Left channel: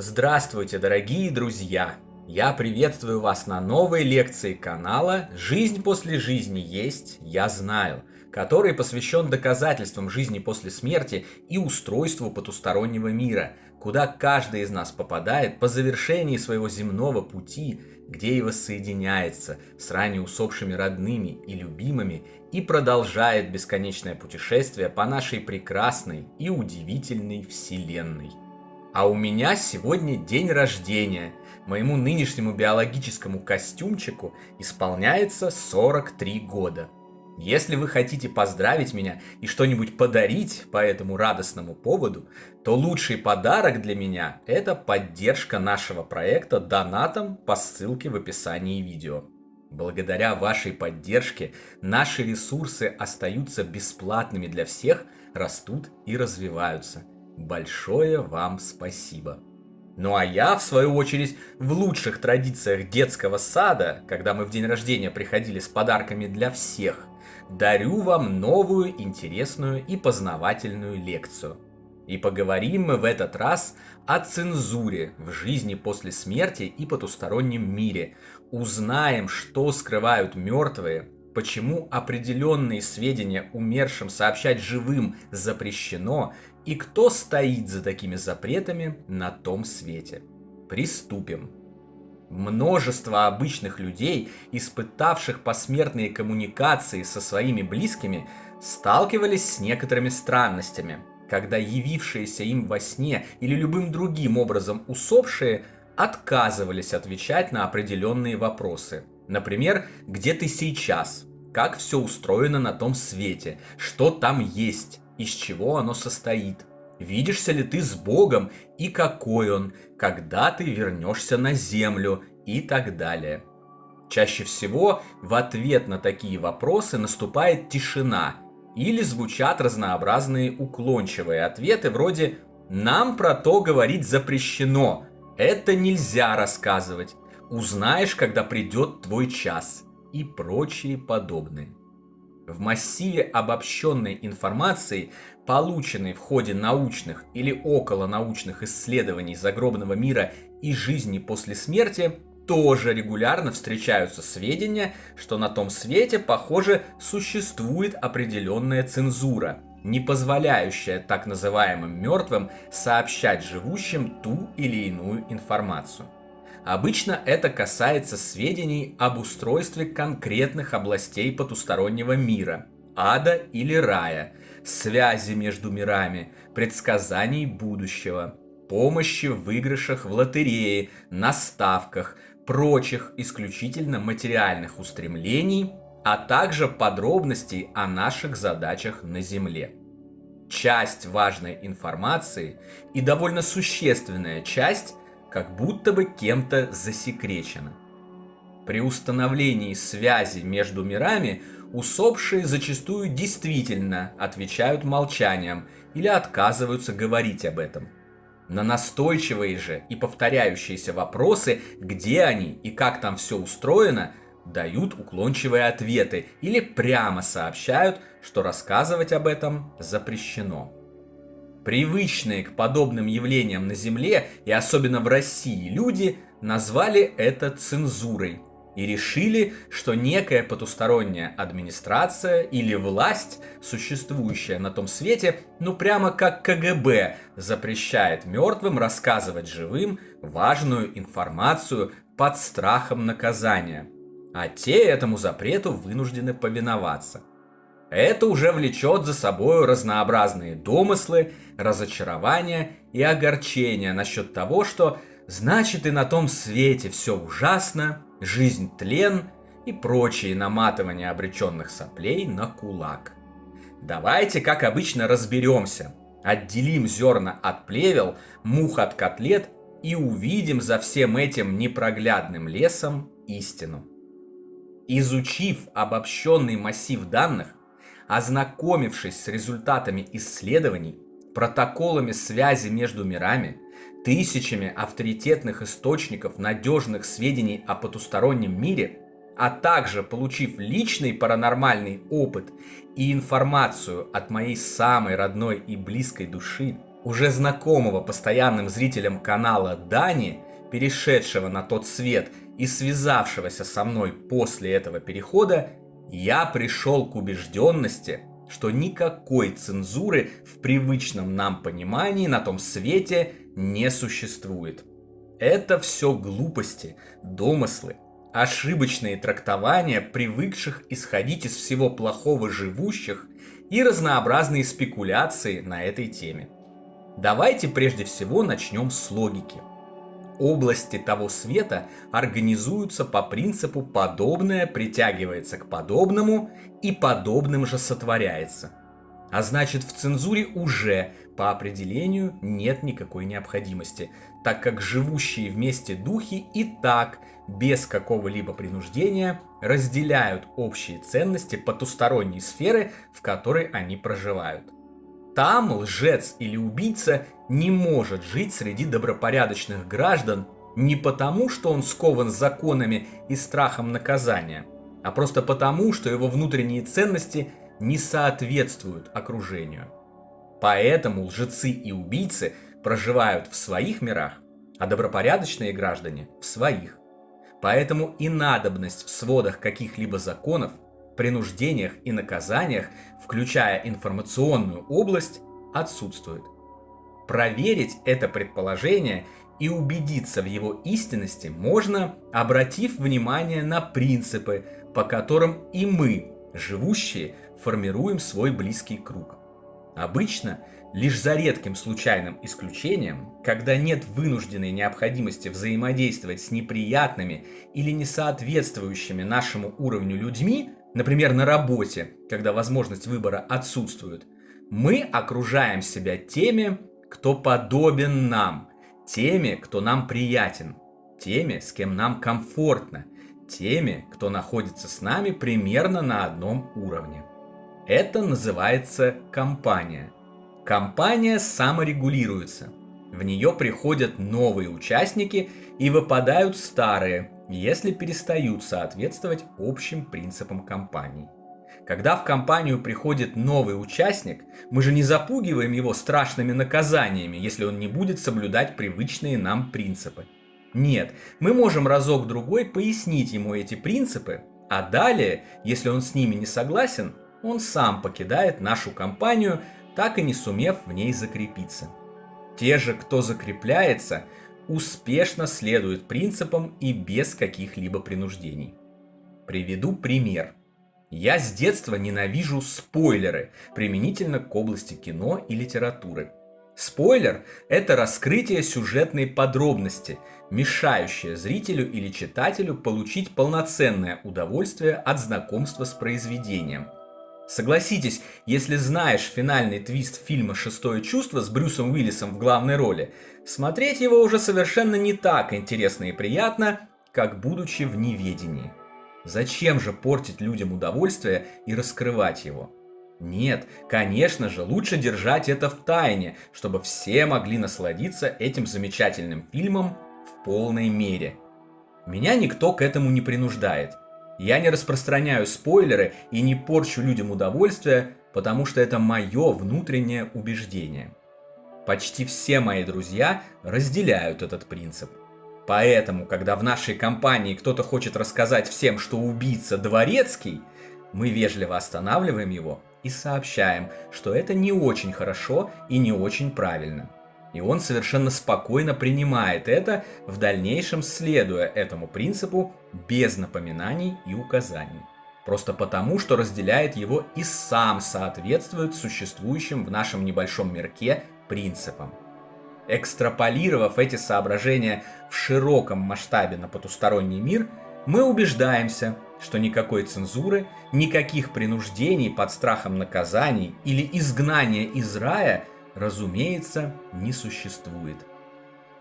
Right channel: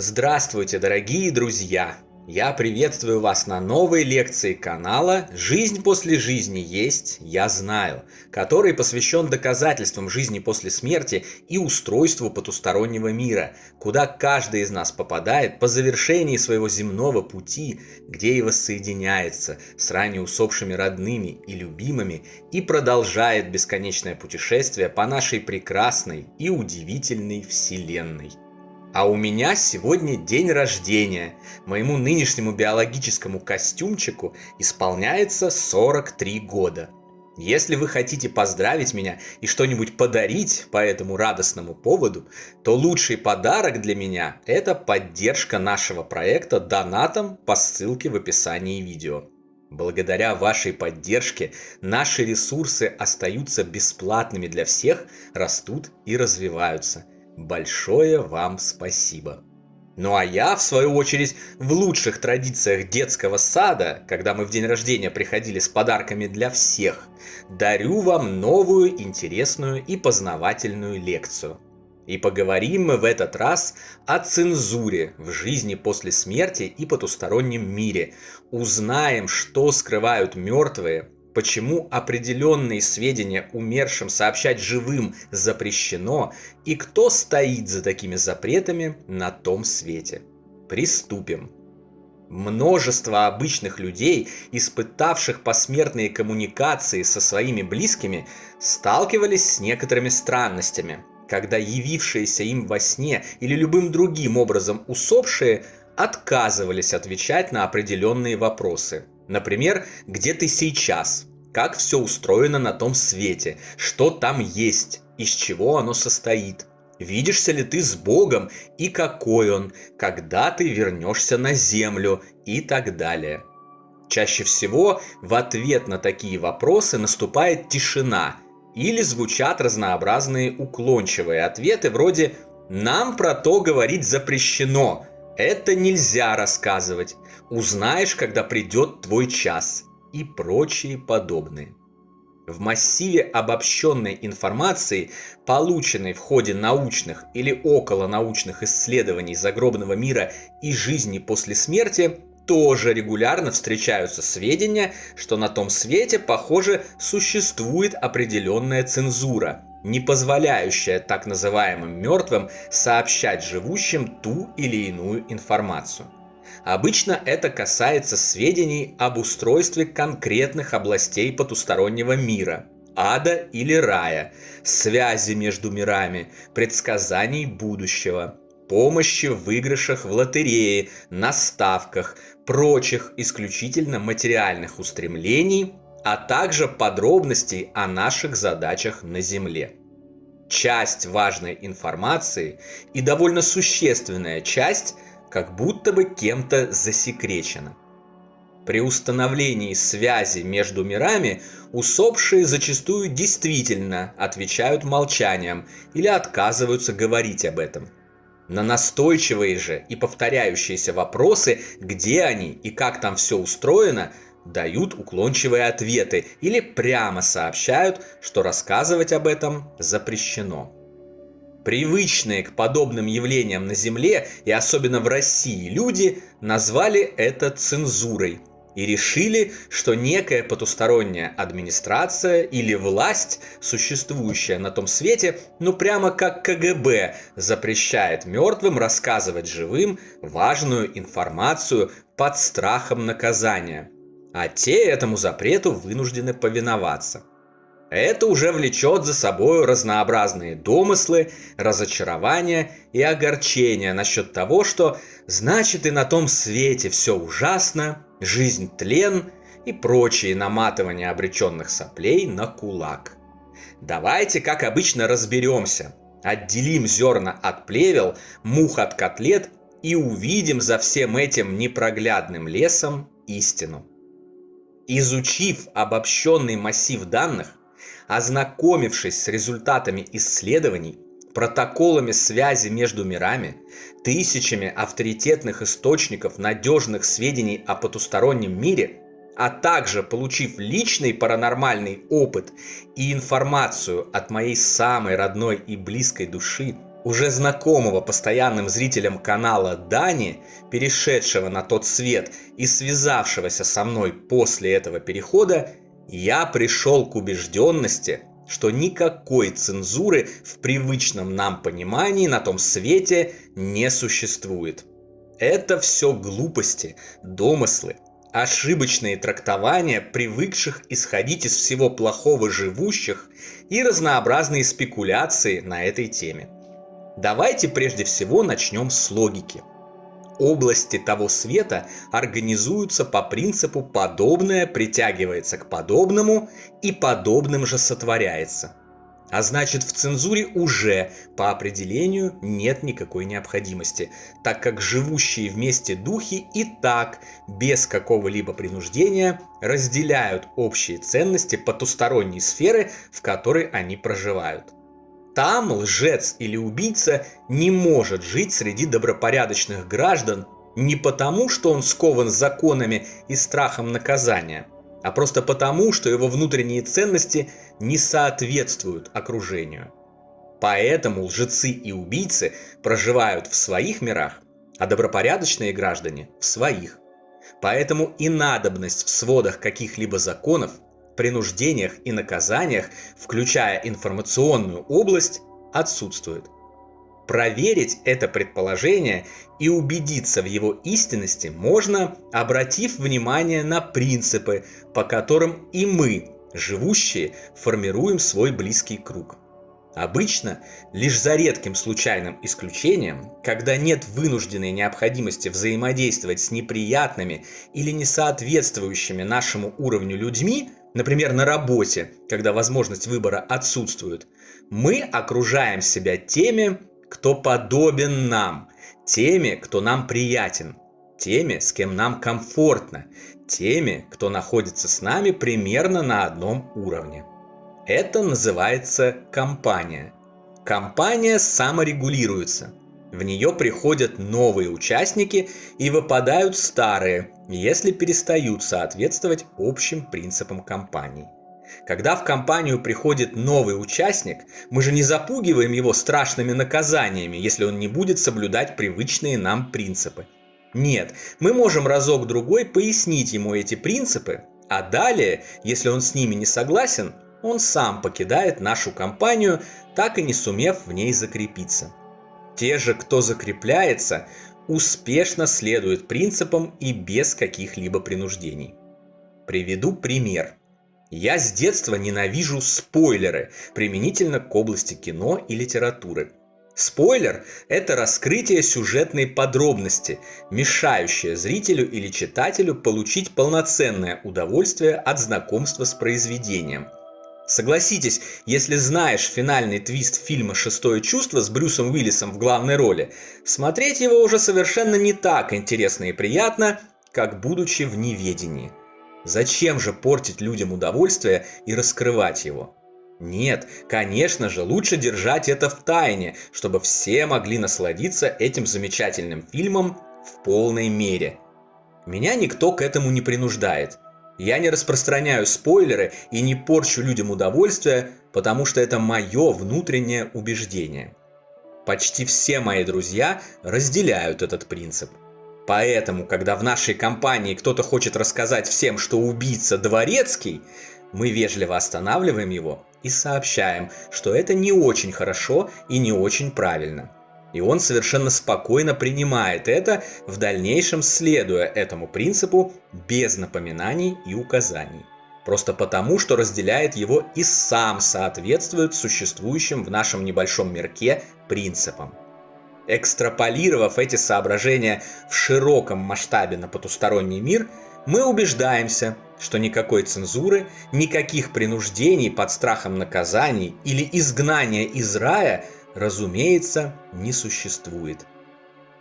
Здравствуйте, дорогие друзья! Я приветствую вас на новой лекции канала «Жизнь после жизни есть, я знаю», который посвящен доказательствам жизни после смерти и устройству потустороннего мира, куда каждый из нас попадает по завершении своего земного пути, где и воссоединяется с ранее усопшими родными и любимыми и продолжает бесконечное путешествие по нашей прекрасной и удивительной Вселенной. А у меня сегодня день рождения. Моему нынешнему биологическому костюмчику исполняется 43 года. Если вы хотите поздравить меня и что-нибудь подарить по этому радостному поводу, то лучший подарок для меня – это поддержка нашего проекта донатом по ссылке в описании видео. Благодаря вашей поддержке наши ресурсы остаются бесплатными для всех, растут и развиваются. Большое вам спасибо. Ну а я, в свою очередь, в лучших традициях детского сада, когда мы в день рождения приходили с подарками для всех, дарю вам новую интересную и познавательную лекцию. И поговорим мы в этот раз о цензуре в жизни после смерти и потустороннем мире. Узнаем, что скрывают мертвые, почему определенные сведения умершим сообщать живым запрещено и кто стоит за такими запретами на том свете. Приступим. Множество обычных людей, испытавших посмертные коммуникации со своими близкими, сталкивались с некоторыми странностями, когда явившиеся им во сне или любым другим образом усопшие отказывались отвечать на определенные вопросы. Например, где ты сейчас, как все устроено на том свете, что там есть, из чего оно состоит, видишься ли ты с Богом и какой Он, когда ты вернешься на землю и так далее. Чаще всего в ответ на такие вопросы наступает тишина или звучат разнообразные уклончивые ответы вроде «нам про то говорить запрещено», «это нельзя рассказывать», «узнаешь, когда придет твой час» и прочие подобные. В массиве обобщенной информации, полученной в ходе научных или околонаучных исследований загробного мира и жизни после смерти, тоже регулярно встречаются сведения, что на том свете, похоже, существует определенная цензура, не позволяющая так называемым мертвым сообщать живущим ту или иную информацию. Обычно это касается сведений об устройстве конкретных областей потустороннего мира, ада или рая, связи между мирами, предсказаний будущего, помощи в выигрышах в лотерее, на ставках, прочих исключительно материальных устремлений, а также подробностей о наших задачах на Земле. Часть важной информации и довольно существенная часть как будто бы кем-то засекречена. При установлении связи между мирами усопшие зачастую действительно отвечают молчанием или отказываются говорить об этом. На настойчивые же и повторяющиеся вопросы, где они и как там все устроено, дают уклончивые ответы или прямо сообщают, что рассказывать об этом запрещено. Привычные к подобным явлениям на Земле и особенно в России люди назвали это цензурой и решили, что некая потусторонняя администрация или власть, существующая на том свете, ну прямо как КГБ, запрещает мертвым рассказывать живым важную информацию под страхом наказания, а те этому запрету вынуждены повиноваться. Это уже влечет за собой разнообразные домыслы, разочарования и огорчения насчет того, что значит и на том свете все ужасно, жизнь тлен и прочие наматывания обреченных соплей на кулак. Давайте, как обычно, разберемся, отделим зерна от плевел, мух от котлет и увидим за всем этим непроглядным лесом истину. Изучив обобщенный массив данных, ознакомившись с результатами исследований, протоколами связи между мирами, тысячами авторитетных источников надежных сведений о потустороннем мире, а также получив личный паранормальный опыт и информацию от моей самой родной и близкой души, уже знакомого постоянным зрителям канала Дани, перешедшего на тот свет и связавшегося со мной после этого перехода, я пришел к убежденности, что никакой цензуры в привычном нам понимании на том свете не существует. Это все глупости, домыслы, ошибочные трактования привыкших исходить из всего плохого живущих и разнообразные спекуляции на этой теме. Давайте прежде всего начнем с логики. Области того света организуются по принципу «подобное притягивается к подобному и подобным же сотворяется». А значит, в цензуре уже по определению нет никакой необходимости, так как живущие вместе духи и так без какого-либо принуждения разделяют общие ценности потусторонней сферы, в которой они проживают. Там лжец или убийца не может жить среди добропорядочных граждан не потому, что он скован законами и страхом наказания, а просто потому, что его внутренние ценности не соответствуют окружению. Поэтому лжецы и убийцы проживают в своих мирах, а добропорядочные граждане в своих. Поэтому и надобность в сводах каких-либо законов, принуждениях и наказаниях, включая информационную область, отсутствует. Проверить это предположение и убедиться в его истинности можно, обратив внимание на принципы, по которым и мы, живущие, формируем свой близкий круг. Обычно, лишь за редким случайным исключением, когда нет вынужденной необходимости взаимодействовать с неприятными или несоответствующими нашему уровню людьми, например, на работе, когда возможность выбора отсутствует, мы окружаем себя теми, кто подобен нам, теми, кто нам приятен, теми, с кем нам комфортно, теми, кто находится с нами примерно на одном уровне. Это называется компания. Компания саморегулируется. В нее приходят новые участники и выпадают старые, если перестают соответствовать общим принципам компании. Когда в компанию приходит новый участник, мы же не запугиваем его страшными наказаниями, если он не будет соблюдать привычные нам принципы. Нет, мы можем разок-другой пояснить ему эти принципы, а далее, если он с ними не согласен, он сам покидает нашу компанию, так и не сумев в ней закрепиться. Те же, кто закрепляется, успешно следуют принципам и без каких-либо принуждений. Приведу пример. Я с детства ненавижу спойлеры, применительно к области кино и литературы. Спойлер – это раскрытие сюжетной подробности, мешающее зрителю или читателю получить полноценное удовольствие от знакомства с произведением. Согласитесь, если знаешь финальный твист фильма «Шестое чувство» с Брюсом Уиллисом в главной роли, смотреть его уже совершенно не так интересно и приятно, как будучи в неведении. Зачем же портить людям удовольствие и раскрывать его? Нет, конечно же, лучше держать это в тайне, чтобы все могли насладиться этим замечательным фильмом в полной мере. Меня никто к этому не принуждает. Я не распространяю спойлеры и не порчу людям удовольствие, потому что это мое внутреннее убеждение. Почти все мои друзья разделяют этот принцип. Поэтому, когда в нашей компании кто-то хочет рассказать всем, что убийца Дворецкий, мы вежливо останавливаем его и сообщаем, что это не очень хорошо и не очень правильно. И он совершенно спокойно принимает это, в дальнейшем следуя этому принципу без напоминаний и указаний. Просто потому, что разделяет его и сам соответствует существующим в нашем небольшом мирке принципам. Экстраполировав эти соображения в широком масштабе на потусторонний мир, мы убеждаемся, что никакой цензуры, никаких принуждений под страхом наказаний или изгнания из рая, разумеется, не существует.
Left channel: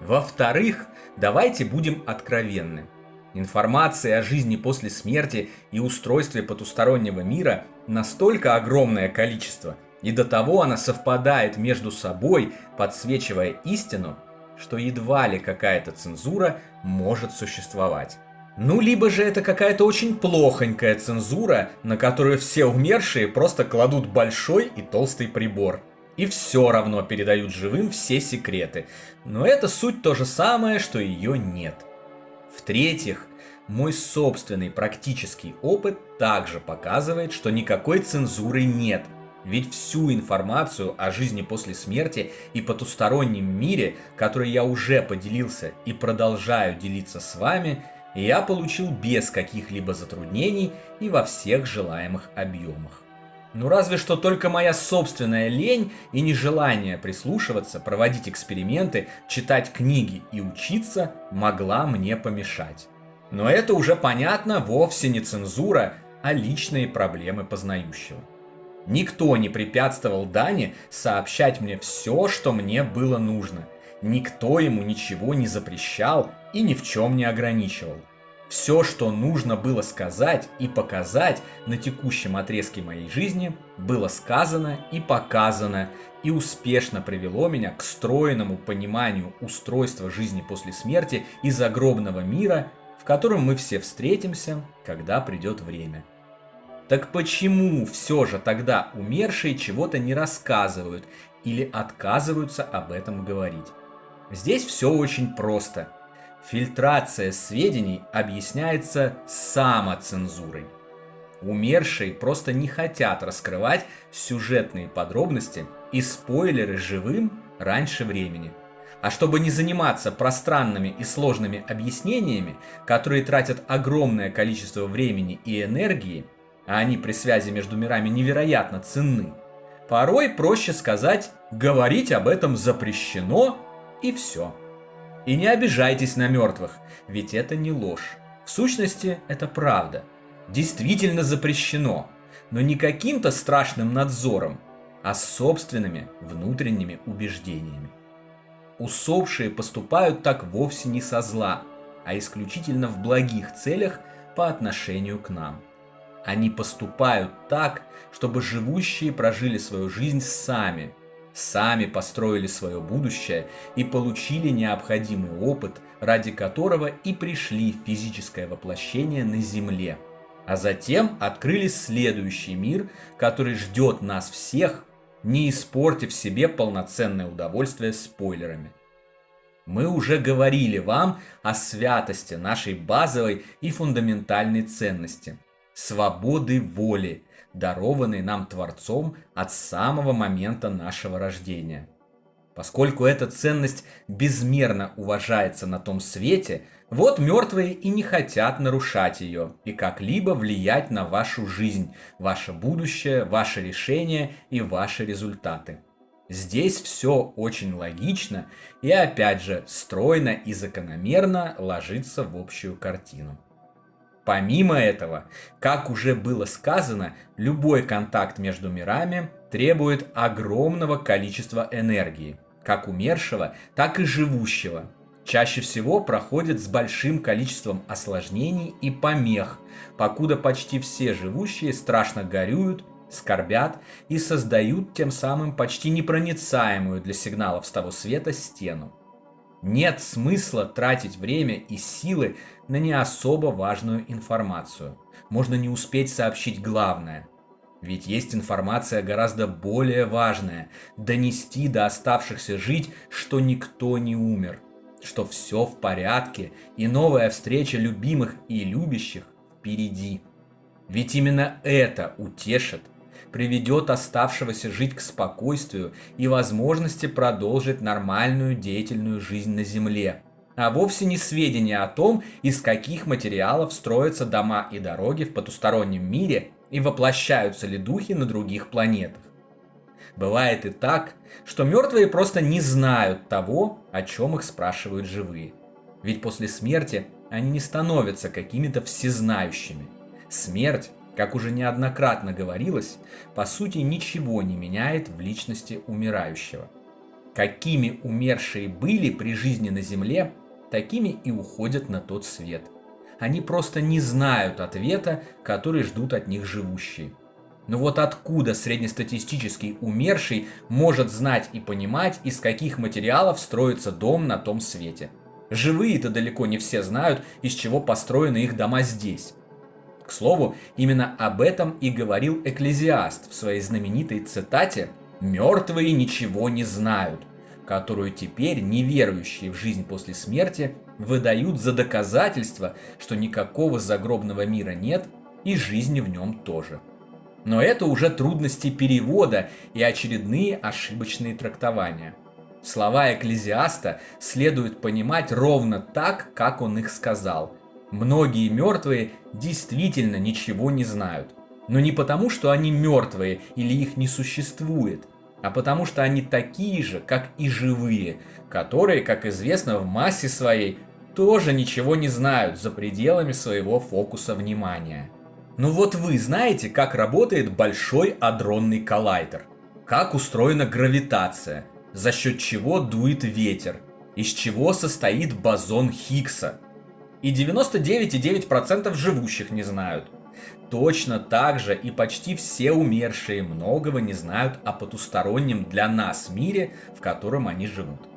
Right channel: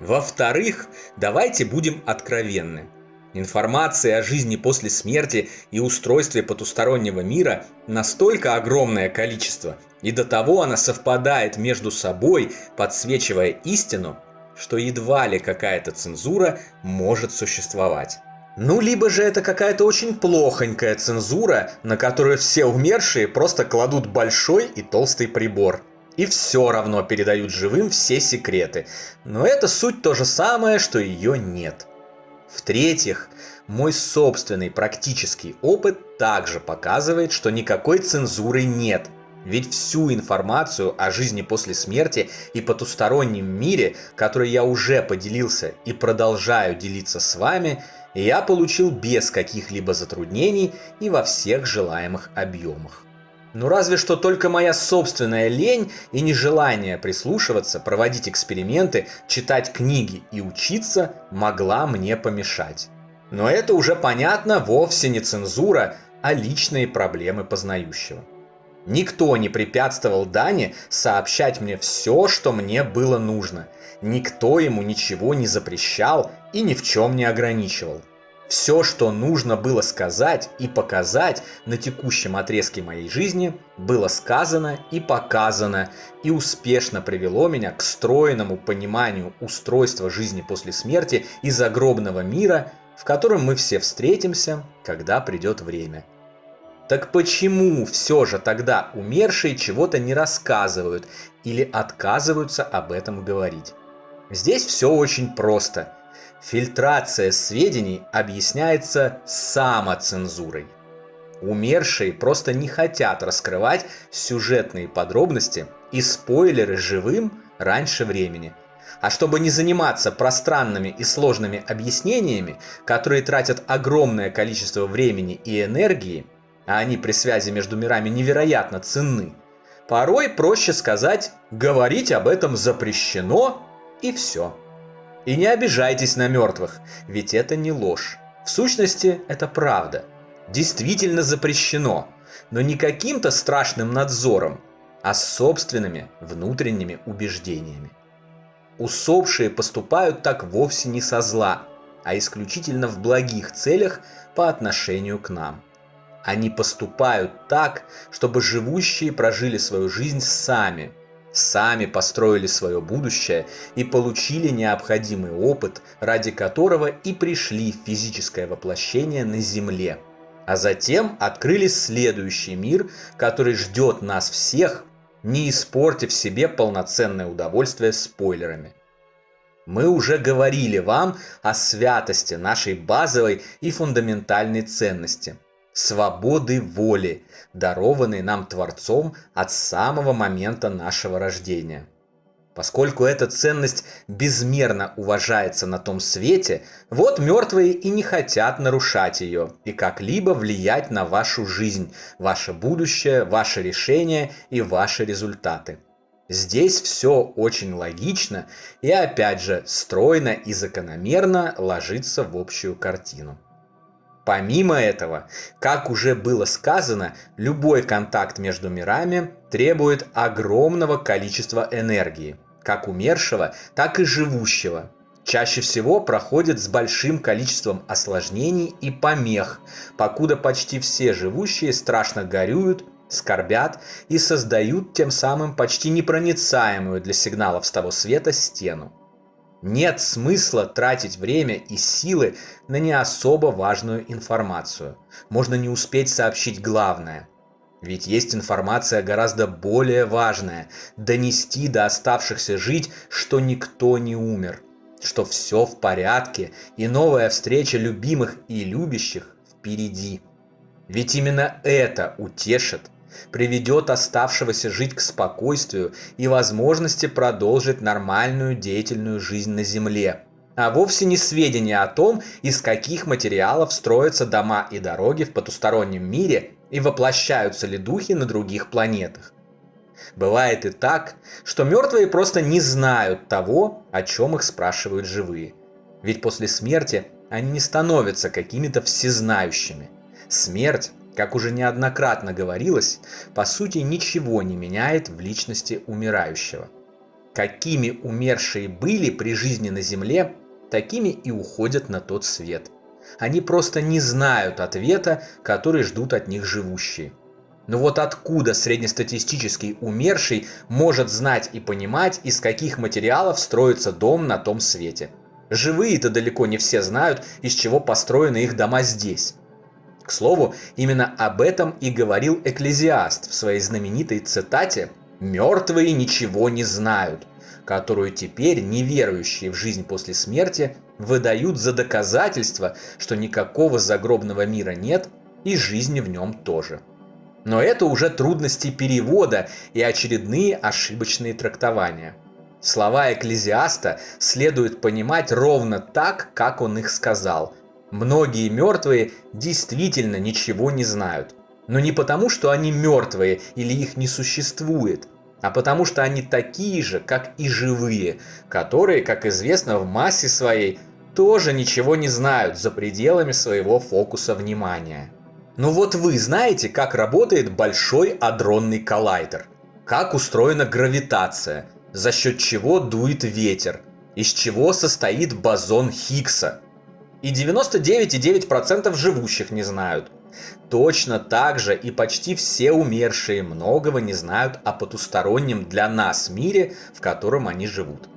Во-вторых, давайте будем откровенны. Информации о жизни после смерти и устройстве потустороннего мира настолько огромное количество, и до того она совпадает между собой, подсвечивая истину, что едва ли какая-то цензура может существовать. Ну, либо же это какая-то очень плохонькая цензура, на которую все умершие просто кладут большой и толстый прибор. и все равно передают живым все секреты. Но это суть то же самое, что ее нет. В-третьих, мой собственный практический опыт также показывает, что никакой цензуры нет. Ведь всю информацию о жизни после смерти и потустороннем мире, которой я уже поделился и продолжаю делиться с вами, я получил без каких-либо затруднений и во всех желаемых объемах. Ну разве что только моя собственная лень и нежелание прислушиваться, проводить эксперименты, читать книги и учиться могла мне помешать. Но это уже понятно, вовсе не цензура, а личные проблемы познающего. Никто не препятствовал Дане сообщать мне все, что мне было нужно. Никто ему ничего не запрещал и ни в чем не ограничивал. Все, что нужно было сказать и показать на текущем отрезке моей жизни, было сказано и показано, и успешно привело меня к стройному пониманию устройства жизни после смерти и загробного мира, в котором мы все встретимся, когда придет время. Так почему все же тогда умершие чего-то не рассказывают или отказываются об этом говорить? Здесь все очень просто. Фильтрация сведений объясняется самоцензурой. Умершие просто не хотят раскрывать сюжетные подробности и спойлеры живым раньше времени. А чтобы не заниматься пространными и сложными объяснениями, которые тратят огромное количество времени и энергии, а они при связи между мирами невероятно ценны, порой проще сказать «говорить об этом запрещено» и все. И не обижайтесь на мертвых, ведь это не ложь. В сущности, это правда. Действительно запрещено, но не каким-то страшным надзором, а собственными внутренними убеждениями. Усопшие поступают так вовсе не со зла, а исключительно в благих целях по отношению к нам. Они поступают так, чтобы живущие прожили свою жизнь сами построили свое будущее и получили необходимый опыт, ради которого и пришли в физическое воплощение на Земле. А затем открыли следующий мир, который ждет нас всех, не испортив себе полноценное удовольствие спойлерами. Мы уже говорили вам о святости нашей базовой и фундаментальной ценности – свободы воли, дарованной нам Творцом от самого момента нашего рождения. Поскольку эта ценность безмерно уважается на том свете, вот мертвые и не хотят нарушать ее и как-либо влиять на вашу жизнь, ваше будущее, ваши решения и ваши результаты. Здесь все очень логично и опять же стройно и закономерно ложится в общую картину. Помимо этого, как уже было сказано, любой контакт между мирами требует огромного количества энергии, как умершего, так и живущего. Чаще всего проходит с большим количеством осложнений и помех, покуда почти все живущие страшно горюют, скорбят и создают тем самым почти непроницаемую для сигналов с того света стену. Нет смысла тратить время и силы на не особо важную информацию. Можно не успеть сообщить главное. Ведь есть информация гораздо более важная – донести до оставшихся жить, что никто не умер, что все в порядке и новая встреча любимых и любящих впереди. Ведь именно это утешит, приведет оставшегося жить к спокойствию и возможности продолжить нормальную деятельную жизнь на Земле, а вовсе не сведения о том, из каких материалов строятся дома и дороги в потустороннем мире и воплощаются ли духи на других планетах. Бывает и так, что мертвые просто не знают того, о чем их спрашивают живые. Ведь после смерти они не становятся какими-то всезнающими. Смерть, как уже неоднократно говорилось, по сути ничего не меняет в личности умирающего. Какими умершие были при жизни на Земле, такими и уходят на тот свет. Они просто не знают ответа, который ждут от них живущие. Но вот откуда среднестатистический умерший может знать и понимать, из каких материалов строится дом на том свете? Живые-то далеко не все знают, из чего построены их дома здесь. К слову, именно об этом и говорил Экклезиаст в своей знаменитой цитате «Мертвые ничего не знают», которую теперь неверующие в жизнь после смерти выдают за доказательство, что никакого загробного мира нет и жизни в нем тоже. Но это уже трудности перевода и очередные ошибочные трактования. Слова Экклезиаста следует понимать ровно так, как он их сказал. Многие мертвые действительно ничего не знают. Но не потому, что они мертвые или их не существует, а потому что они такие же, как и живые, которые, как известно, в массе своей тоже ничего не знают за пределами своего фокуса внимания. Ну вот вы знаете, как работает Большой адронный коллайдер, как устроена гравитация, за счет чего дует ветер, из чего состоит бозон Хиггса. И 99,9% живущих не знают. Точно так же и почти все умершие многого не знают о потустороннем для нас мире, в котором они живут.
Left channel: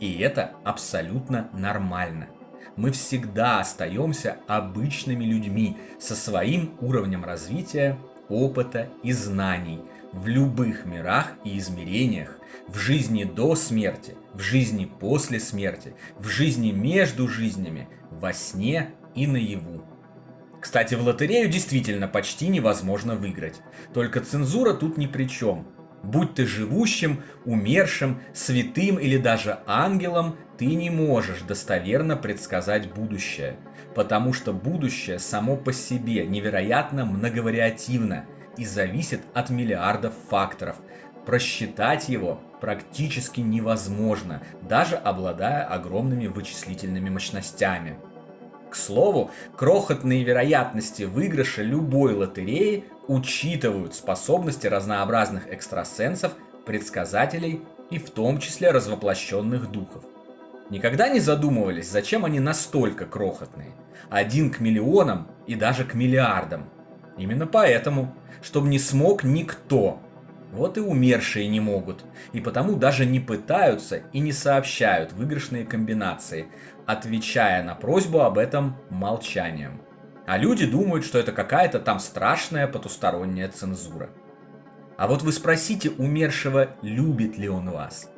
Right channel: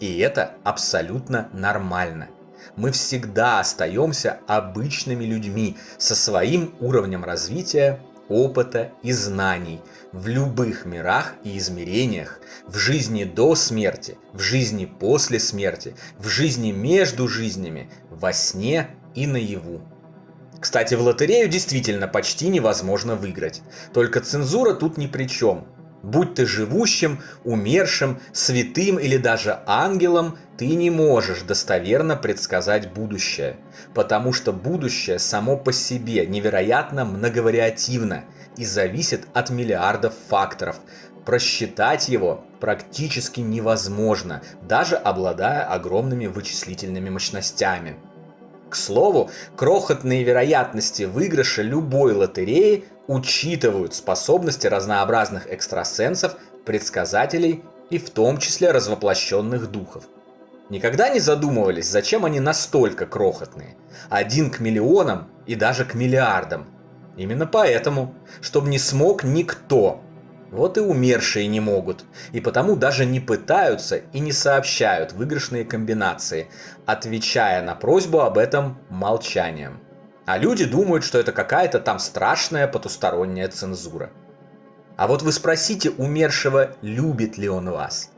И это абсолютно нормально. Мы всегда остаемся обычными людьми со своим уровнем развития, опыта и знаний в любых мирах и измерениях, в жизни до смерти, в жизни после смерти, в жизни между жизнями, во сне и наяву. Кстати, в лотерею действительно почти невозможно выиграть. Только цензура тут ни при чем. Будь ты живущим, умершим, святым или даже ангелом, ты не можешь достоверно предсказать будущее. Потому что будущее само по себе невероятно многовариативно и зависит от миллиардов факторов. Просчитать его практически невозможно, даже обладая огромными вычислительными мощностями. К слову, крохотные вероятности выигрыша любой лотереи учитывают способности разнообразных экстрасенсов, предсказателей и в том числе развоплощенных духов. Никогда не задумывались, зачем они настолько крохотные? 1 к миллионам и даже к миллиардам. Именно поэтому, чтобы не смог никто. Вот и умершие не могут, и потому даже не пытаются и не сообщают выигрышные комбинации, отвечая на просьбу об этом молчанием. А люди думают, что это какая-то там страшная потусторонняя цензура. А вот вы спросите умершего, любит ли он вас,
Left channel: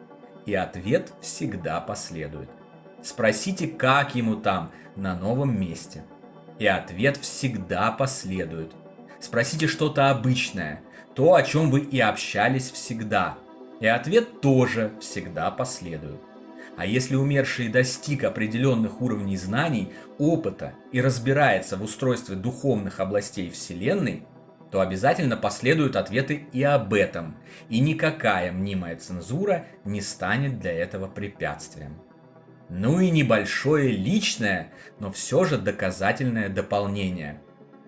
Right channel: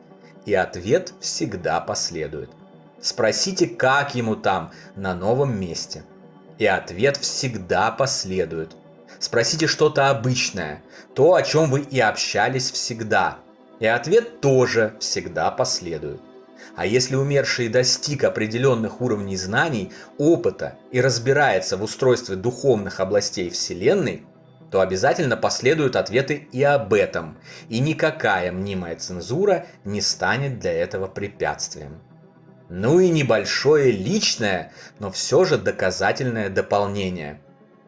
и ответ всегда последует. Спросите, как ему там, на новом месте, и ответ всегда последует. Спросите что-то обычное, то, о чем вы и общались всегда, и ответ тоже всегда последует. А если умерший достиг определенных уровней знаний, опыта и разбирается в устройстве духовных областей Вселенной, то обязательно последуют ответы и об этом, и никакая мнимая цензура не станет для этого препятствием. Ну и небольшое личное, но все же доказательное дополнение.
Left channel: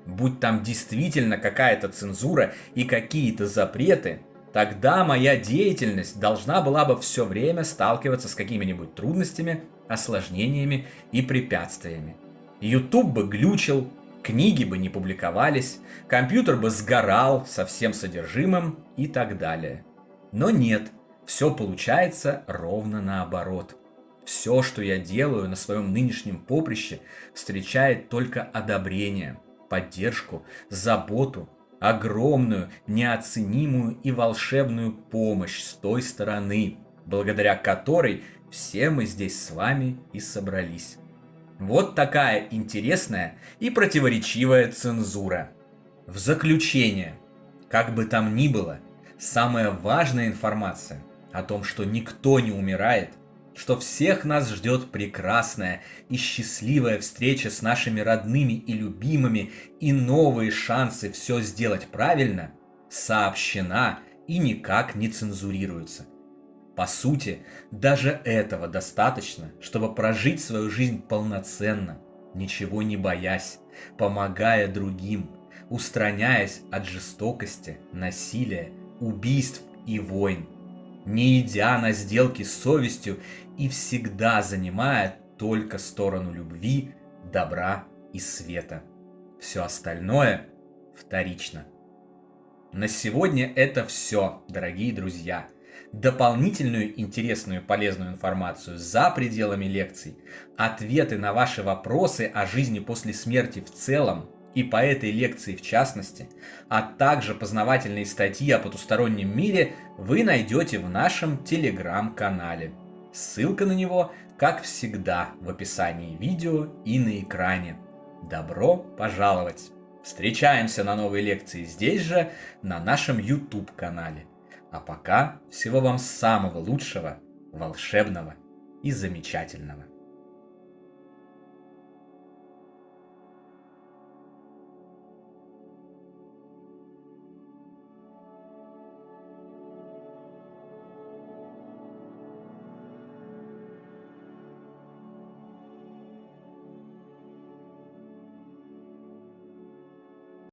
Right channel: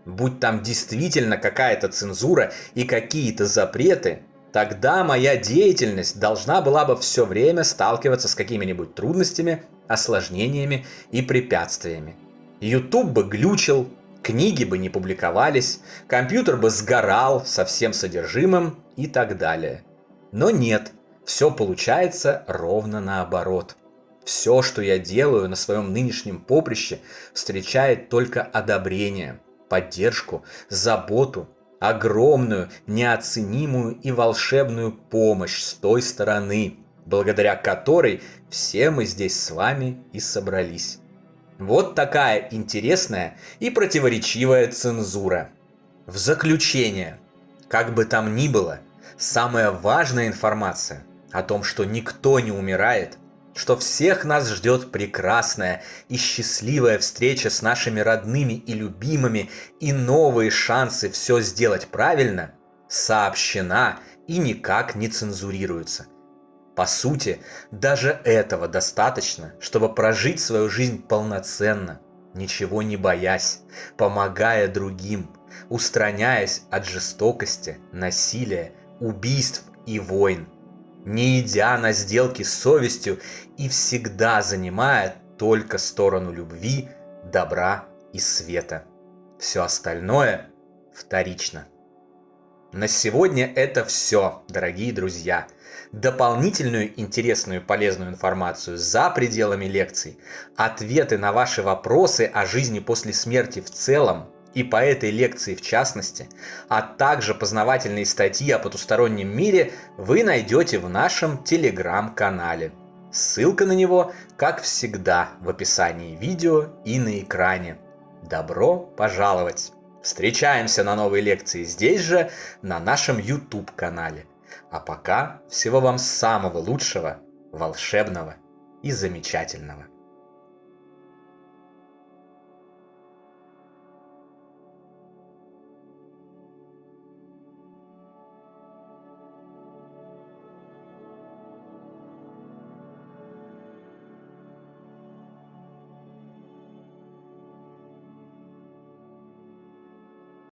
Будь там действительно какая-то цензура и какие-то запреты, тогда моя деятельность должна была бы все время сталкиваться с какими-нибудь трудностями, осложнениями и препятствиями. YouTube бы глючил, книги бы не публиковались, компьютер бы сгорал со всем содержимым и так далее. Но нет, все получается ровно наоборот. Все, что я делаю на своем нынешнем поприще, встречает только одобрение, поддержку, заботу, огромную, неоценимую и волшебную помощь с той стороны, благодаря которой все мы здесь с вами и собрались. Вот такая интересная и противоречивая цензура. В заключение, как бы там ни было, самая важная информация о том, что никто не умирает, что всех нас ждет прекрасная и счастливая встреча с нашими родными и любимыми и новые шансы все сделать правильно, сообщена и никак не цензурируется. По сути, даже этого достаточно, чтобы прожить свою жизнь полноценно, ничего не боясь, помогая другим, устраняясь от жестокости, насилия, убийств и войн, не идя на сделки с совестью и всегда занимая только сторону любви, добра и света. Все остальное вторично. На сегодня это все, дорогие друзья. Дополнительную интересную и полезную информацию за пределами лекций, ответы на ваши вопросы о жизни после смерти в целом и по этой лекции в частности, а также познавательные статьи о потустороннем мире вы найдете в нашем телеграм-канале. Ссылка на него, как всегда, в описании видео и на экране. Добро пожаловать! Встречаемся на новой лекции здесь же, на нашем YouTube-канале. А пока всего вам самого лучшего, волшебного и замечательного.